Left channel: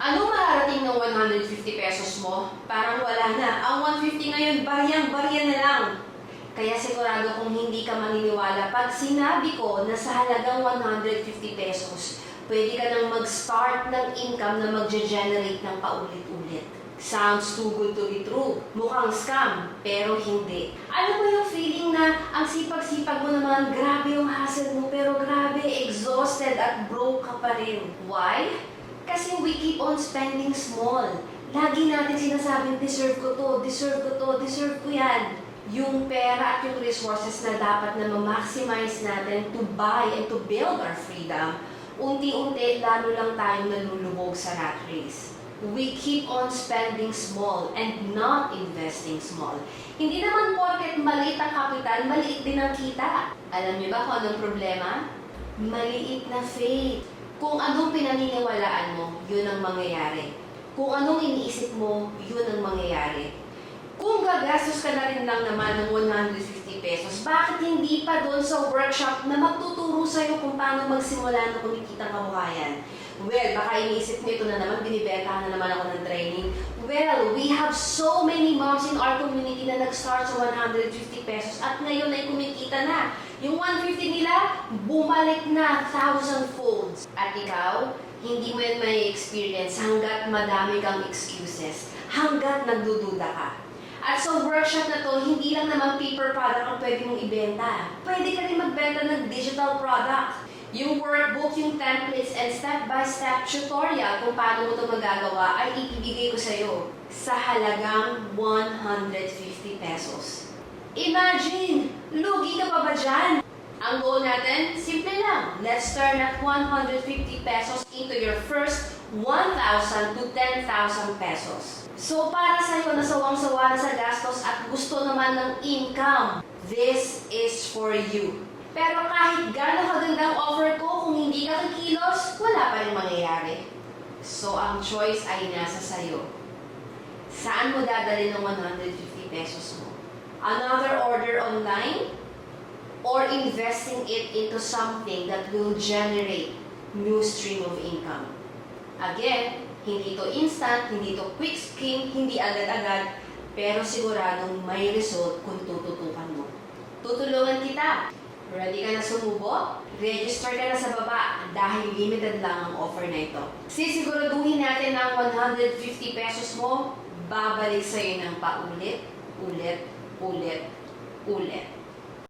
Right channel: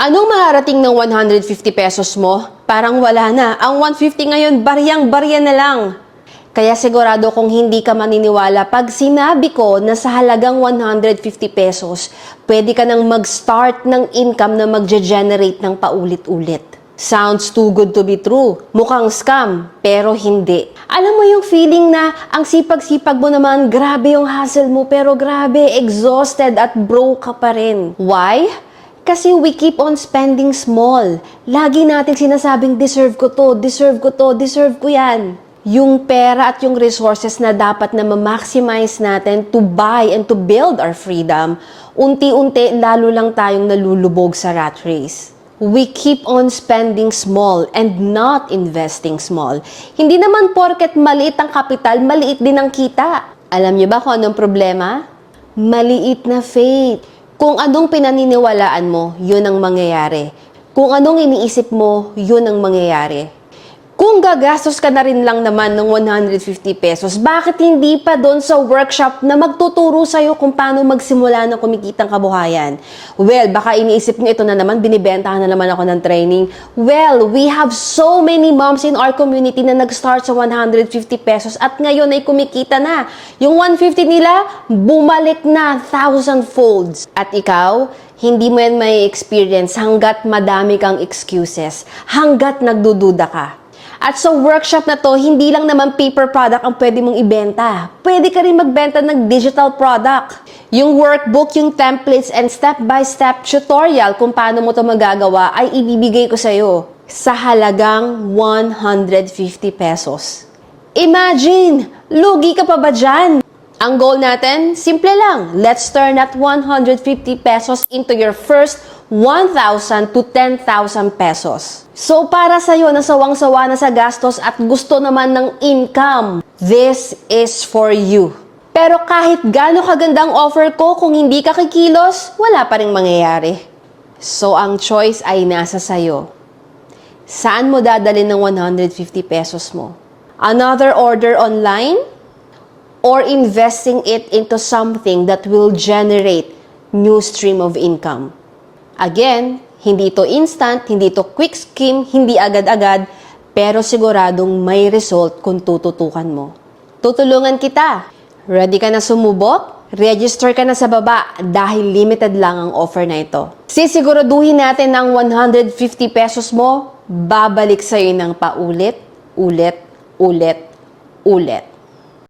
Anong maharating ng 150 pesos mo? Parang wala na. Ang 150 ngayon, baryang-barya na lang. Kaya sigurado kung hindi ka maniniwala pag sinabi ko na sa halagang 150 pesos, pwede ka nang mag-start ng income na magge-generate ng paulit-ulit. Sounds too good to be true. Mukhang scam, pero hindi. Alam mo yung feeling na ang sipag-sipag mo naman, grabe yung hustle mo, pero grabe, exhausted at broke ka pa rin. Why? Kasi we keep on spending small. Lagi natin sinasabing, deserve ko to, deserve ko to, deserve ko yan. Yung pera at yung resources na dapat na ma-maximize natin to buy and to build our freedom, unti-unti lalo lang tayong nalulubog sa rat race. We keep on spending small and not investing small. Hindi naman porket maliit ang kapital, maliit din ang kita. Alam niyo ba kung anong problema? Maliit na faith. Kung anong pinaniniwalaan mo, yun ang mangyayari. Kung anong iniisip mo, yun ang mangyayari. Kung gagastos ka na rin lang naman ng 150 pesos, bakit hindi pa doon sa workshop na magtuturo sa'yo kung paano magsimula ng kumikitang kabuhayan? Well, baka iniisip nyo ito na naman, binibentahan na naman ako ng training. Well, we have so many moms in our community na nag-start sa 150 pesos at ngayon ay kumikita na. Yung 150 nila, bumalik na 1,000 folds. At ikaw, hindi mo yan may experience hanggat madami kang excuses, hanggat nagdududa ka. At sa workshop na to, hindi lang naman paper product ang pwede mong ibenta. Pwede ka rin magbenta ng digital product. Yung workbook, yung templates, and step-by-step tutorial kung paano mo to magagawa ay ibibigay ko sa'yo sa halagang 150 pesos. Imagine! Lugi ka pa ba dyan? Ang goal natin, simple lang. Let's turn that 150 pesos into your first 1,000 to 10,000 pesos. So para sa'yo na sawang-sawa na sa gastos at gusto naman ng income, this is for you. Pero kahit gaano kagandang offer ko, kung hindi ka kikilos, wala pa ring mangyayari. So ang choice ay nasa sa'yo. Saan mo dadalhin ng 150 pesos mo? Another order online? Or investing it into something that will generate new stream of income? Again, hindi to instant, hindi to quick scheme, hindi agad-agad, pero siguradong may result kung tututukan mo. Tutulungan kita. Ready ka na sumubok? Register ka na sa baba dahil limited lang ang offer na ito. Sisiguraduhin natin ang 150 pesos mo, babalik sa'yo ng paulit, ulit, ulit, ulit.